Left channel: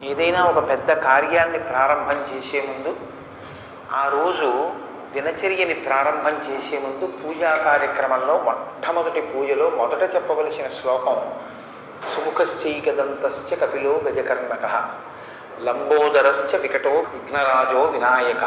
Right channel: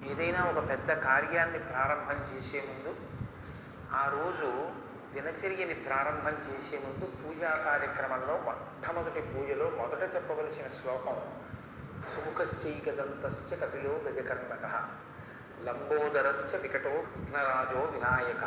ఏదైనా ఒక పెద్ద కార్యాన్ని ప్రారంభం చేసే ముందు ఆ రోజు దినచర్యని ప్రారంభం చేసే ముందు పూజా కార్యక్రమంలో మొట్టమొదటి పూజలో మొదట చెప్పవలసిన శ్లోకం సుముఖశ్చైకదంతశ్చ కపిలో గజకర్ణక లంబోదరశ్చ వికటో విఘ్నరాజో వినాయక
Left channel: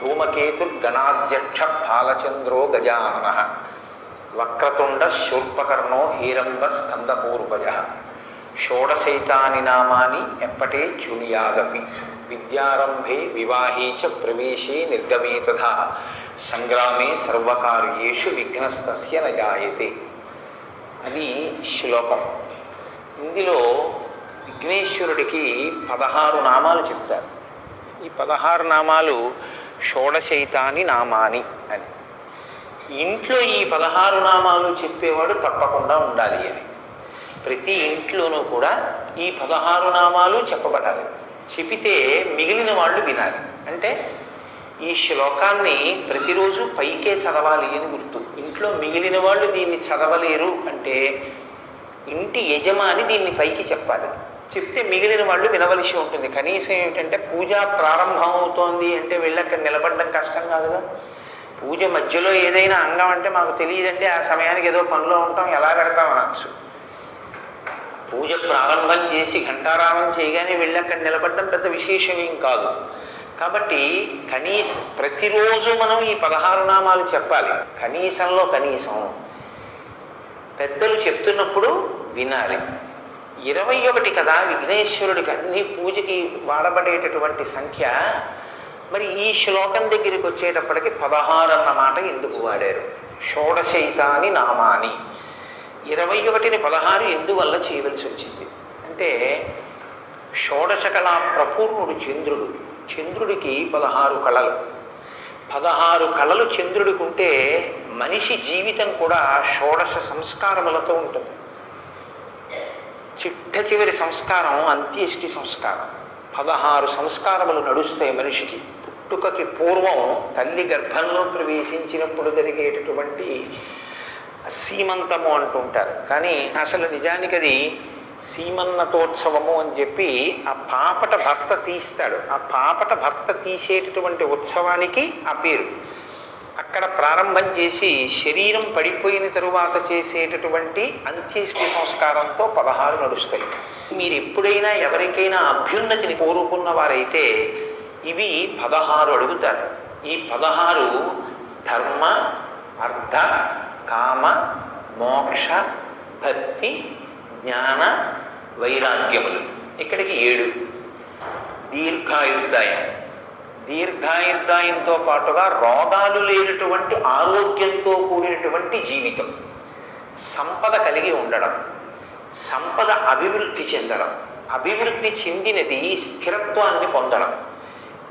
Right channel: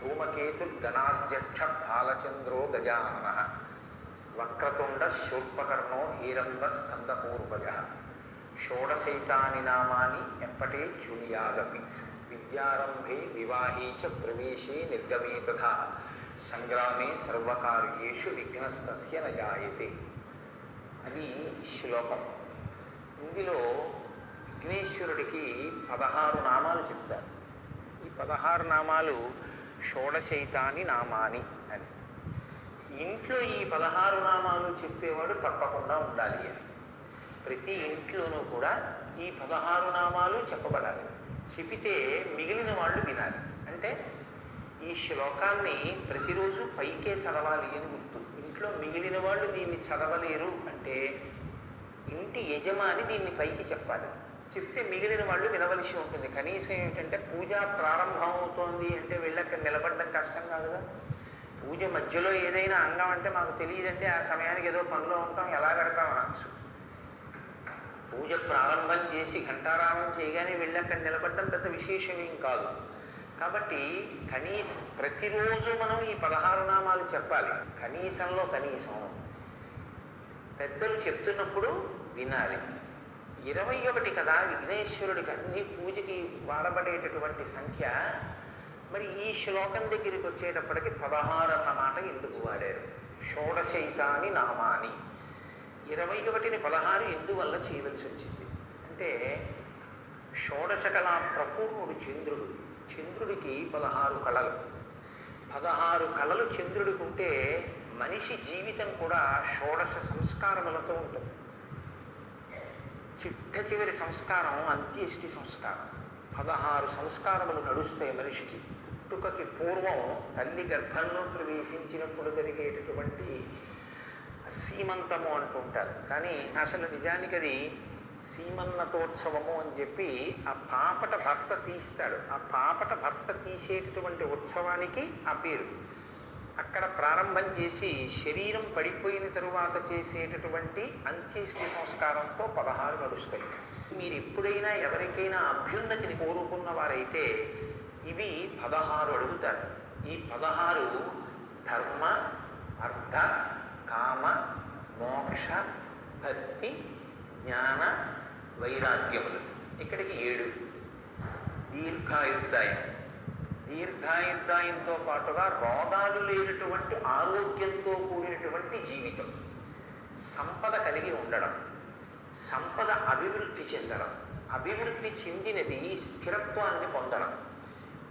ధూమకేతుర్గణాధ్యక్ష బాలచంద్రో గజానన వక్రతుండ శూర్పకర్ణో హీరంబ స్కందపూర్వజ. షోడశైతాని నామాని ఎప్పటే చునియాదపి విద్యారంభే వివాహే చ ప్రవేశే నిర్గమే తథా సంగ్రామే సర్వకార్యేషు విఘ్నస్తస్య నజాయతే. అది శ్లోకం. ఇందులో విఘ్నేశ్వరుడికి పదహారు నామాలు చెప్తారు. ఈ పదహారు నామాలు షోడశైతాని నామాని అని. ఇంట్లో ఈ పదహారు నామాలు చెప్పేవాడు తప్పకుండా ఉండాలి అని. ప్రతి ఇంట్లోనూ కూడా ఈ పదహారు నామాలు చెప్పబడాలి. చెబితే మిగిలిన వాళ్ళు వినాలి. అంటే ఈ శ్లోకాన్ని ప్రతిరోజు పైకే చదవాలి అని గుర్తు. ఇంట్లో మిగిలిన వాళ్ళు దీన్ని చదవలేరు అంటే ఇంటి యజమాని దీన్ని పైకి చెప్పాలి. చెప్తే మిగిలిన వాళ్ళు వినవలసి ఉంటుంది. కనీసం ఏమిటంటే పూజ ప్రారంభం అవుతోంది అంటే వెళ్ళి అక్కడ నిలబడడం కష్టం కాదుగా పూజ మధ్యలో ఏదైనా అంగం అంటే మాకు తెలియదండి. ఆ సమయానికి ఏదో పనిలో ఉంటాం. ఎలా పెడతాం అనొచ్చు. పూజ ప్రారంభం చేసి ఘంటారామం చేయగానే వెళ్ళి అక్కడ నిలబడడం పెద్ద విశేషం ఏం కాదు. కాబట్టి కనీస ప్రతిరోజు మనం ఈ పదహారు నామాలు చెప్పాలి. కనీసంలో కనీసం పెద్దలు చెప్తున్నప్పుడు వినాలి. ఇరవై ఒకటి కదా విఘ్నేశ్వరుడికి అన్ని పూజకి వాడబడేటటువంటి సంఖ్య. మరి ఈ శ్లోకం దగ్గరికి వచ్చేటప్పటికి పదహారు అన్న మాట ఎందుకు వాడారు? షోడశైతాని నామాని. ఇరవై ఒకటిని పదహారు ఎందువల్ల చేయవలసి వచ్చింది? అంటే షోడశ కళా ప్రపూర్ణుడు చంద్రుడు. చంద్రుడికి పదహారు కళలు. పదహారు కళలు చంద్రుడికి ఉంటే మనిషి జీవితం కూడా షోడశ సంస్కారములతో ఉంటుంది. చిట్ట చివరి సంస్కారం అంత్యేష్టి సంస్కారం. పదహారు సంస్కారములు నడుస్తాయి మనిషికి. పుట్టుకకి పూర్వం తల్లి గర్భంలో ప్రవేశించినప్పుడు జరిగేటటువంటి సీమంతము అంటుంటారు కానీ అసలు నిజానికి అది సీమన్నతోత్సవము అని చెప్పి ఆ పాపట భర్త తీస్తాడు. ఆ పాపట భర్త తీసేటటువంటి ఉత్సవానికి ఆ పేరు. అక్కడ ప్రారంభం చేసి శరీరం పడిపోయిన తరువాత చేసేటటువంటి అంత్యేష్టి సంస్కారంతో పదహారు నడుస్తాయి. మీరు ఎప్పుడైనా ఎవరికైనా అభ్యున్నతిని కోరుకున్న వారైతే ఇవి పదహారు అడుగుతారు. ఈ పదహారు ధర్మ అర్థ కామ మోక్ష భక్తి జ్ఞాన వైరాగ్యములు. ఇక్కడికి ఏడు. దీర్ఘాయుర్దాయం. దీర్ఘాయుర్దాయంతో పాటుగా రోగాలు లేనటువంటి ఆరోగ్యంతో కూడినటువంటి జీవితం. సంపద కలిగి ఉండడం. సంపద అభివృద్ధి చెందడం. అభివృద్ధి చెందినది స్థిరత్వాన్ని పొందడం.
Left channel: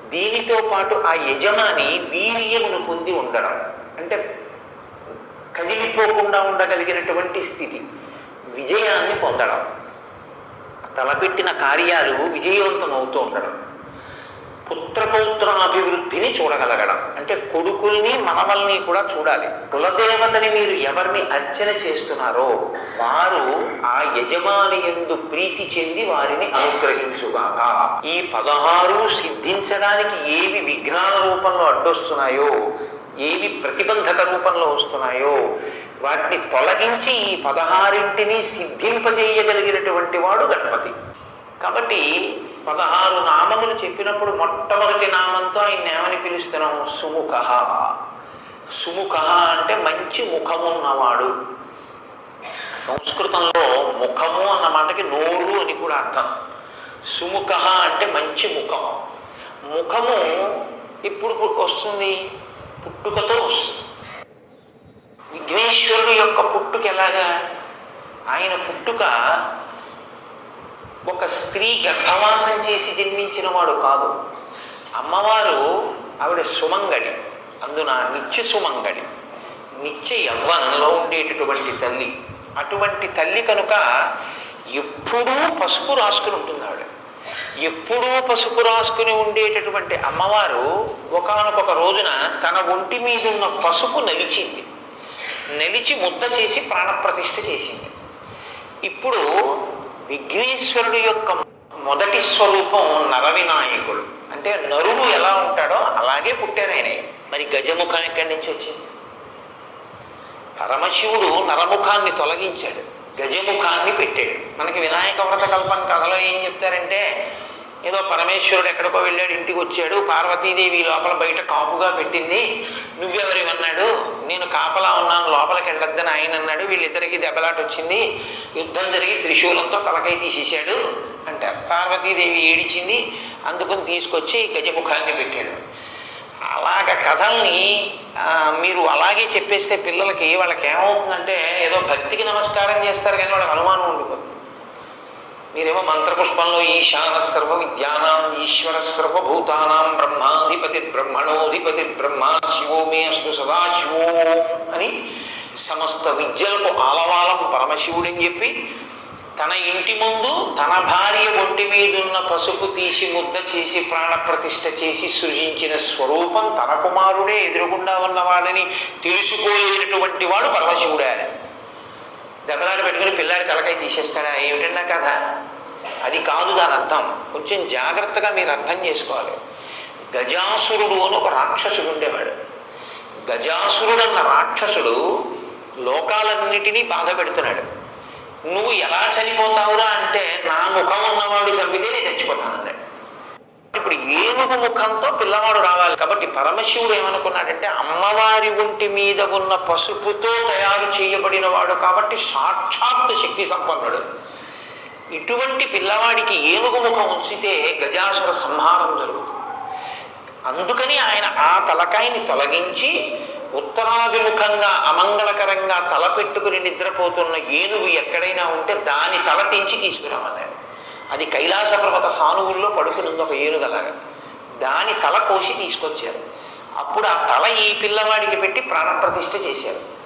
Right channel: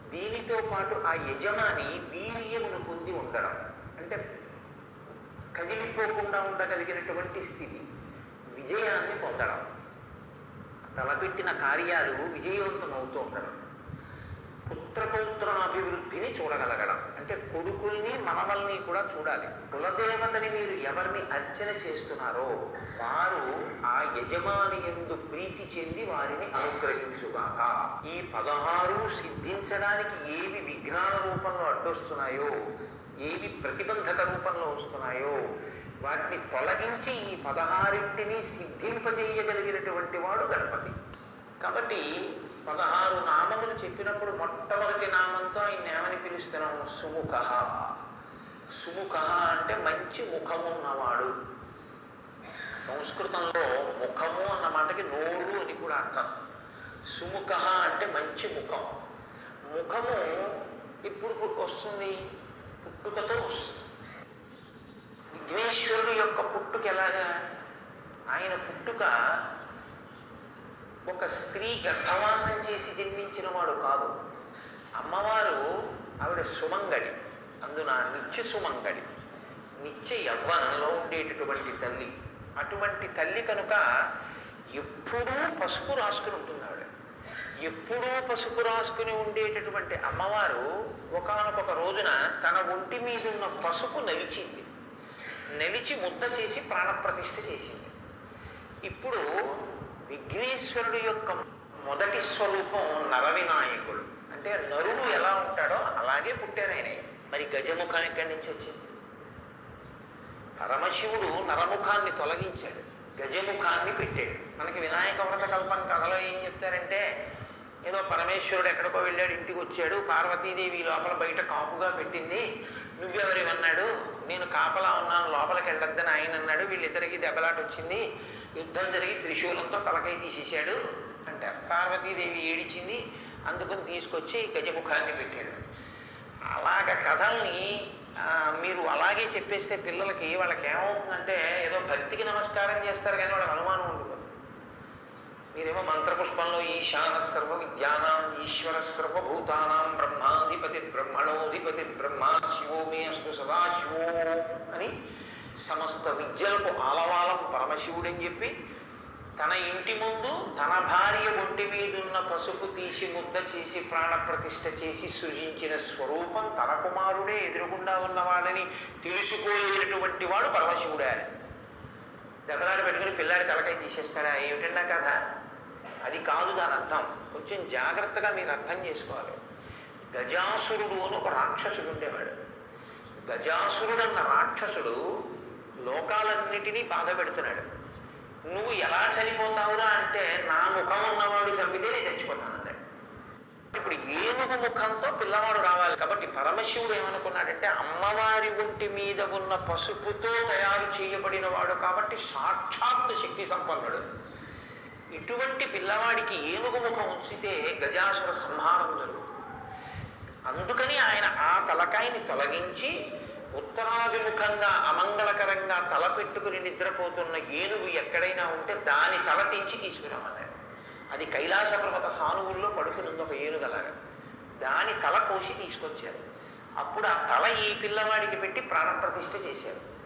దీనితో పాటు ఆ యజమాని వీర్యమును పొంది ఉండడం. అంటే కదిలిపోకుండా ఉండగలిగినటువంటి స్థితి. విజయాన్ని పొందడం. తలపెట్టిన కార్యాలు విజయవంతం అవుతూ ఉండడం పుత్రపౌత్రాభివృద్ధిని చూడగలగడం. అంటే కొడుకుల్ని మనవల్ని కూడా చూడాలి. కులదేవతని మీరు ఎవరిని అర్చన చేస్తున్నారో వారు ఆ యజమాని ఎందు ప్రీతి చెంది వారిని అనుగ్రహించుగాక. ఈ పదహారు సిద్ధించడానికి ఏవి విఘ్నాల రూపంలో అడ్డొస్తున్నాయో ఏవి ప్రతిబంధక రూపంలో వస్తున్నాయో వాటిని తొలగించి ఈ పదహారింటిని సిద్ధింపజేయగలిగినటువంటి వాడు గణపతి. కాబట్టి పదహారు నామములు చెప్పినప్పుడు మొట్టమొదటి నామంతో ఆయన ఏమని పిలుస్తున్నాం? సుముఖ. సుముఖ అంటే మంచి ముఖమున్నవాడు సంస్కృతంలో ముఖము అన్న మాటకి నోరు అని కూడా అర్థం. సుముఖ అంటే మంచి ముఖం. ముఖము ఇప్పుడు వస్తుంది. పుట్టుకతో వస్తుంది. విఘ్నేశ్వరుడు యొక్క పుట్టుక ఎలాగా? ఆయన పుట్టుక ఒక స్త్రీ గర్భవాసం చేసి జన్మించిన వాడు కాదు. అమ్మవారు ఆవిడ సుమంగడి అందున నిత్య సుమంగడి నిత్య యవ్వనంలో ఉండేటటువంటి తల్లి. అటువంటి తల్లి కనుక ఎప్పుడూ పసుపు రాసుకుని ఉంటుంది ఆవిడ ఎప్పుడూ పసుపు రాసుకుని ఉండేటటువంటి అమ్మవారు ఒకనొక రోజున తన ఒంటి మీద ఉన్న పసుపు నలిచింది. నలిచి ముద్ద చేసి ప్రాణప్రతిష్ఠ చేసింది. ఇప్పుడు విఘ్నేశ్వరుడి యొక్క మొదటి స్వరూపం నరవినాయకుడు. అంటే నరుడు ఎలా ఉంటాడో అలాగే పుట్టారు ఆయన. మరి గజముఖం ఎక్కడి నుంచి వచ్చింది? పరమశివుడు నరముఖాన్ని తొలగించాడు. గజముఖాన్ని పెట్టాడు. మనకి వినాయక వ్రత కల్పన కథలో ఏం చెప్తారంటే ఏదో పరమేశ్వరుడు ఎక్కడికో వెళ్ళాడు ఇంటికి వచ్చాడు పార్వతీదేవి లోపల బయట కాపుగా పెట్టింది. నువ్వెవరి? అన్నాడు. నేను కాపలా ఉన్నాను లోపలికి వెళ్ళొద్దని ఆయన అన్నాడు. వీళ్ళిద్దరికి దెబ్బలాట వచ్చింది. యుద్ధం జరిగి త్రిశూలంతో తలకై తీసేశాడు. అంటే పార్వతీదేవి ఏడిచింది. అందుకుని తీసుకొచ్చి గజముఖాన్ని పెట్టాడు. అలాగ కథల్ని మీరు అలాగే చెప్పేస్తే పిల్లలకి వాళ్ళకి ఏమవుతుందంటే ఏదో భక్తికి నమస్కారం చేస్తారు కానీ వాళ్ళకి అనుమానం ఉండిపోతుంది. మీరేమో మంత్రపుష్పంలో ఈశాన సర్వ విద్యానాం ఈశ్వర సర్వభూతానాం బ్రహ్మాధిపతి బ్రహ్మణోధిపతి బ్రహ్మ శివో మే అస్తు సదాశివో అని సమస్త విద్యలకు ఆలవాలం పరమశివుడని చెప్పి తన ఇంటి ముందు తన భార్య ఒంటి మీదున్న పసుపు తీసి ముద్ద చేసి ప్రాణప్రతిష్ఠ చేసి సృజించిన స్వరూపం తన కుమారుడే ఎదురుగుండా ఉన్నవాడని తెలుసుకోలేనటువంటి వాడు పరమశివుడే. దెబ్బలాట పెట్టుకుని పిల్లాడి తలకాయ తీసేస్తాడా? ఏమిటన్నా కథ? అది కాదు దాని అర్థం. కొంచెం జాగ్రత్తగా మీరు అర్థం చేసుకోవాలి. గజాసురుడు అని ఒక రాక్షసుడు ఉండేవాడు. గజాసురుడు అన్న రాక్షసుడు లోకాలన్నిటినీ బాధ పెడుతున్నాడు. నువ్వు ఎలా చనిపోతావురా అంటే నా ముఖం ఉన్నవాడు చంపితే నేను చచ్చిపోతాను అన్నాడు ఇప్పుడు ఏనుగు ముఖంతో పిల్లవాడు రావాలి. కాబట్టి పరమశివుడు ఏమనుకున్నాడంటే అమ్మవారి ఒంటి మీద ఉన్న పసుపుతో తయారు చేయబడిన వాడు కాబట్టి సాక్షాత్ శక్తి సంపన్నుడు. ఇటువంటి పిల్లవాడికి ఏనుగు ముఖం ఉంచితే గజాసుర సంహారం జరుగుతుంది. అందుకని ఆయన ఆ తలకాయని తొలగించి ఉత్తరాభిముఖంగా అమంగళకరంగా తల పెట్టుకుని నిద్రపోతున్న ఏనుగు ఎక్కడైనా ఉంటే దాని తల తెంచి తీసుకురామన్నాడు అది కైలాస పర్వత సానువుల్లో పడుకునుంది ఒక ఏనుగలాగా దాని తల కోసి తీసుకొచ్చారు. అప్పుడు ఆ తల ఈ పిల్లవాడికి పెట్టి ప్రాణప్రతిష్ఠ చేశారు.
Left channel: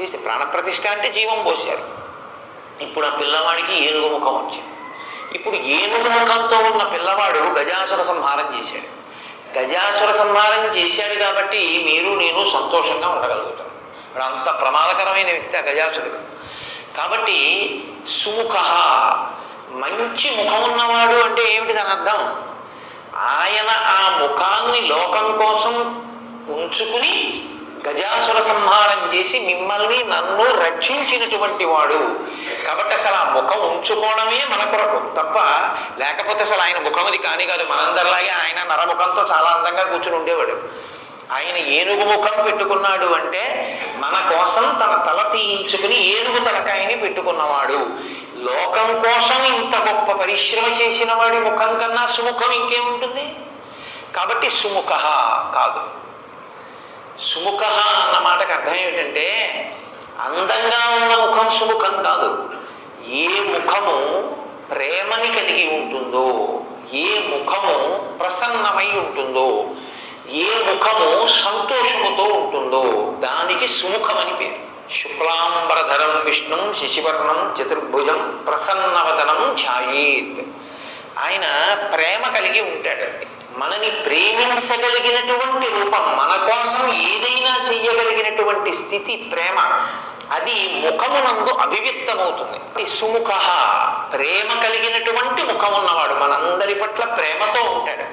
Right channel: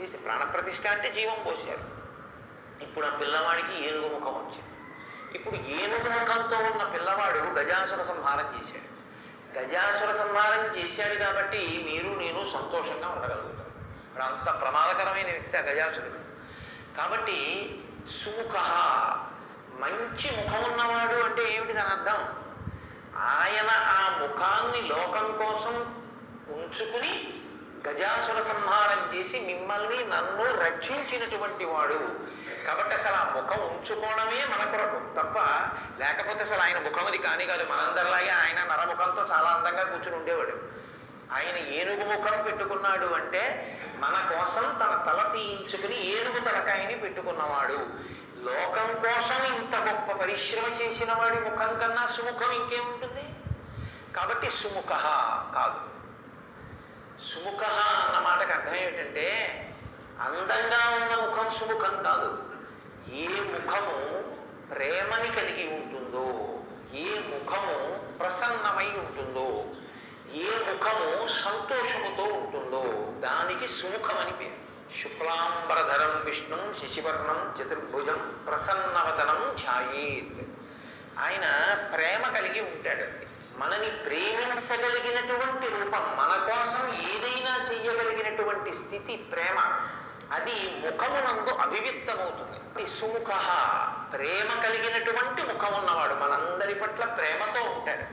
చేసి ప్రాణప్రతిష్ఠ అంటే జీవం పోశారు. ఇప్పుడు ఆ పిల్లవాడికి ఏనుగు ముఖం వచ్చింది. ఇప్పుడు ఏనుగు ముఖంతో ఉన్న పిల్లవాడు గజాసుర సంహారం చేశాడు. గజాసుర సంహారం చేశాడు కాబట్టి మీరు నేను సంతోషంగా ఉండగలుగుతాం. ఇప్పుడు అంత ప్రమాదకరమైన వ్యక్తి ఆ గజాసురుడు కాబట్టి సుముఖ మంచి ముఖం ఉన్నవాడు అంటే ఏమిటి దాని అర్థం? ఆయన ఆ ముఖాన్ని లోకం కోసం ఉంచుకుని గజాసుర సంహారం చేసి మిమ్మల్ని నన్ను రక్షించినటువంటి వాడు. కాబట్టి అసలు ఆ ముఖం ఉంచుకోవడమే మన కొరకు. తప్ప లేకపోతే అసలు ఆయన ముఖం అది కాని కాదు. మనందరిలాగే ఆయన నరముఖంతో చాలా అందంగా కూర్చుని ఉండేవాడు. ఆయన ఏనుగు ముఖం పెట్టుకున్నాడు అంటే మన కోసం తన తల తీయించుకుని ఏనుగు తలకాయని పెట్టుకున్నవాడు. లోకం కోసం ఇంత గొప్ప పరిశ్రమ చేసిన వాడి ముఖం కన్నా సుముఖం ఇంకేముంటుంది? కాబట్టి సుముఖ కాదు. సుముఖ అన్న మాటకు అర్థం ఏమిటంటే అందంగా ఉన్న ముఖం సుముఖం కాదు. ఏ ముఖము ప్రేమని కలిగి ఉంటుందో ఏ ముఖము ప్రసన్నమై ఉంటుందో ఏ ముఖము సంతోషముతో ఉంటుందో దానికి సుముఖమని పేరు. శుక్లాంబరధరం విష్ణు శశివర్ణం చతుర్భుజం ప్రసన్నవదనం ఛాయేత్ ఆయన ప్రేమ కలిగి ఉంటాడండి. మనని ప్రేమించగలిగినటువంటి రూపం మన కోసం ఏదైనా చెయ్యగలిగినటువంటి స్థితి ప్రేమ అది ముఖమునందు అభివ్యక్తమవుతుంది. సుముఖ ప్రేమ కలిగినటువంటి ముఖం ఉన్నవాడు మనందరి పట్ల ప్రేమతో ఉంటాడు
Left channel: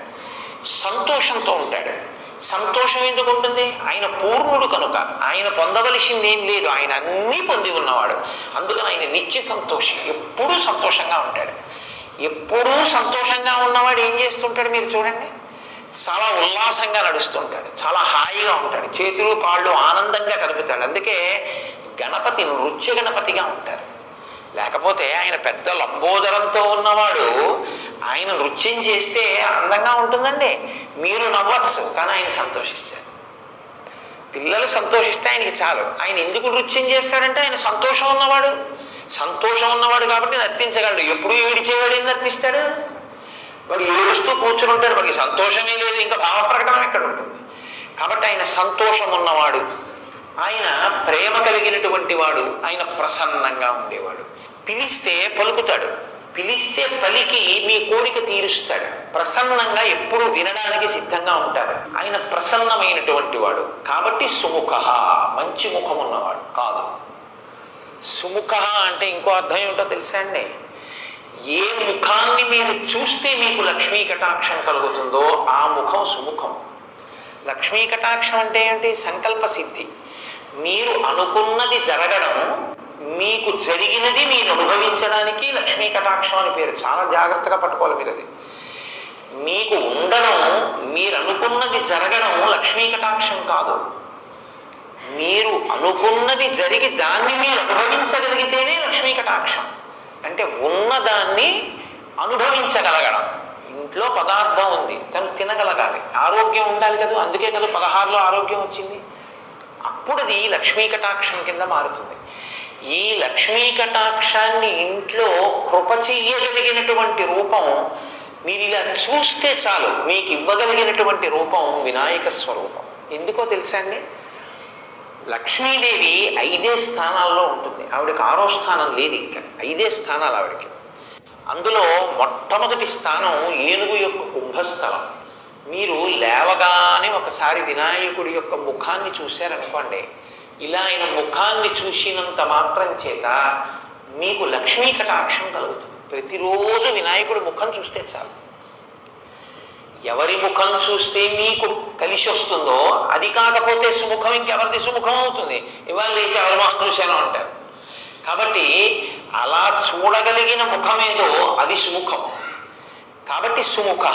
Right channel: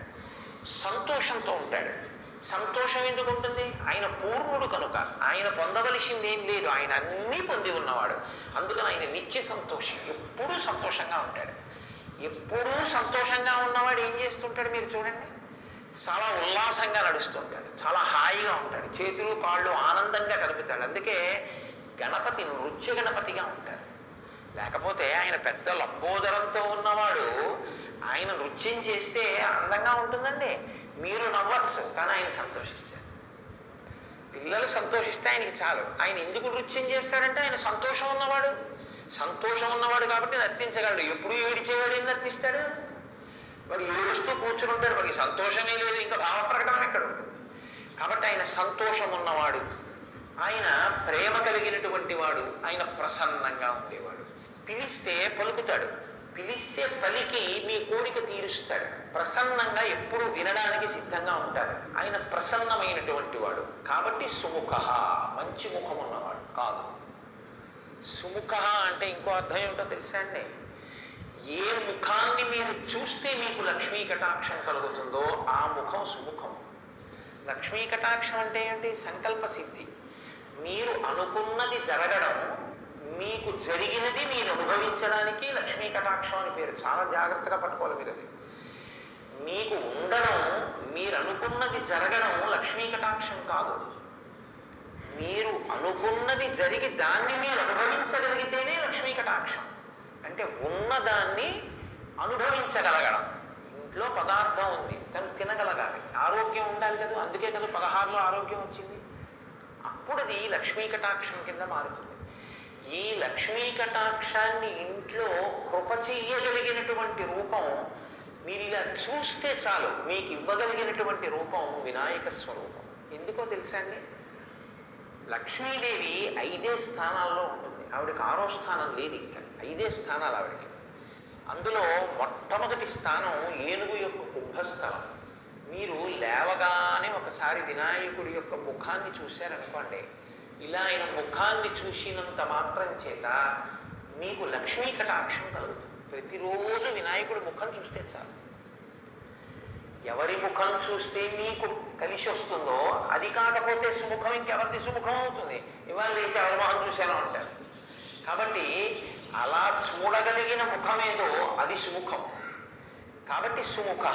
సంతోషంతో ఉంటాడు. సంతోషం ఎందుకు ఉంటుంది. ఆయన పూర్ణుడు కనుక ఆయన పొందవలసింది ఏం లేదు. ఆయన అన్నీ పొంది ఉన్నవాడు. అందుకని ఆయన నిత్య సంతోషం ఎప్పుడూ సంతోషంగా ఉంటాడు. ఎప్పుడూ సంతోషంగా ఉన్నవాడు ఏం చేస్తుంటాడు మీరు చూడండి. చాలా ఉల్లాసంగా నడుస్తుంటాడు. చాలా హాయిగా ఉంటాడు. చేతులు కాళ్ళు ఆనందంగా కలుపుతాడు అందుకే గణపతి నృత్య గణపతిగా ఉంటారు. లేకపోతే ఆయన పెద్ద లంబోదరంతో ఉన్నవాడు ఆయన నృత్యం చేస్తే అందంగా ఉంటుందండి. మీరు నవ్వచ్చు కానీ ఆయన సంతోషిస్తారు. పిల్లలు సంతోషిస్తే ఆయనకి చాలు. ఆయన ఎందుకు నృత్యం చేస్తాడంటే ఆయన సంతోషం ఉన్నవాడు. సంతోషం ఉన్నవాడు కాబట్టి నర్తించగలడు. ఎప్పుడు ఏడిచేవాడు ఏం నర్తిస్తాడు? వాడు ఏడుస్తూ కూర్చుని ఉంటాడు. వాడికి సంతోషమే లేదు. ఇంకా భావ ప్రకటన ఎక్కడ ఉంటుంది? కాబట్టి ఆయన సంతోషం ఉన్నవాడు. ఆయన ప్రేమ కలిగినటువంటి వాడు ఆయన ప్రసన్నంగా ఉండేవాడు. పిలిస్తే పలుకుతాడు. పిలిస్తే పలికి మీ కోరిక తీరుస్తాడు. ప్రసన్నంగా ఎప్పుడు వినడానికి సిద్ధంగా ఉంటాడు. ఆయన ప్రసన్నమైనటువంటి వాడు. కాబట్టి సుముఖ మంచి ముఖం ఉన్నవాడు కాదు. సుముఖ అంటే ఇంకో అర్థం ఏమిటో తెలుసా అండి? ఏ ముఖాన్ని మీరు చూస్తే మీకు లక్ష్మీ కటాక్షం కలుగుతుందో ఆ ముఖం సుముఖం. లక్ష్మీ కటాక్షం అంటే ఏంటి? సంకల్ప సిద్ధి. మీరు అనుకున్నది జరగడం మీకు జరిగినది మీరు అనుభవించడానికి లక్ష్మీ కటాక్షం అని పేరు. చాలా జాగ్రత్తగా పట్టుకోవాలి మీరు అది మీకు ఉండడం మీరు అనుకున్నది జరగడం లక్ష్మీ కటాక్షం కాదు. మీరు అనుకున్నది జరిగి దాన్ని మీరు అనుభవించగలిగితేనే లక్ష్మీ కటాక్షం. అంటే ఉన్నదాన్ని అనుభవించగలగడం. ఇంట్లో పదార్థం ఉంది తను తినగలగాలి. ఆరోగ్యం ఉండాలి కదా. అందుకే కదా పదహారులో ఆరోగ్యం వచ్చింది. అప్పుడు లక్ష్మీ కటాక్షం కింద మారుతుంది. ఈ లక్ష్మీ కటాక్షాన్ని ఇంట్లో కృప చెయ్యగలిగినటువంటి రూపం మీరు ఇలా చూస్తే చాలు మీకు ఇవ్వగలిగినటువంటి రూపం వినాయక స్వరూపం. ఎందుకో తెలుసా అండి? లక్ష్మీదేవి ఐదే స్థానాల్లో ఉంటుంది. ఆవిడకి ఆరో స్థానం లేదు ఇంకా. ఐదే స్థానాలు ఆవిడకి. అందులో మొట్టమొదటి స్థానం ఏనుగు యొక్క కుంభస్థలం. మీరు లేవగానే ఒకసారి వినాయకుడి యొక్క ముఖాన్ని చూశారనుకోండి ఇలా ఆయన ముఖాన్ని చూసినంత మాత్రం చేత మీకు లక్ష్మీ కటాక్షం కలుగుతుంది. ప్రతిరోజు వినాయకుడి ముఖం చూస్తే చాలు. ఎవరి ముఖం చూస్తే మీకు కలిసి వస్తుందో అది కాకపోతే సుముఖం ఇంకెవరిది సుముఖం అవుతుంది. ఇవాళ లేచి ఎవరి ముఖం చూశాను అంటారు. కాబట్టి అలా చూడగలిగిన ముఖమేదో అది సుముఖం. కాబట్టి సుముఖ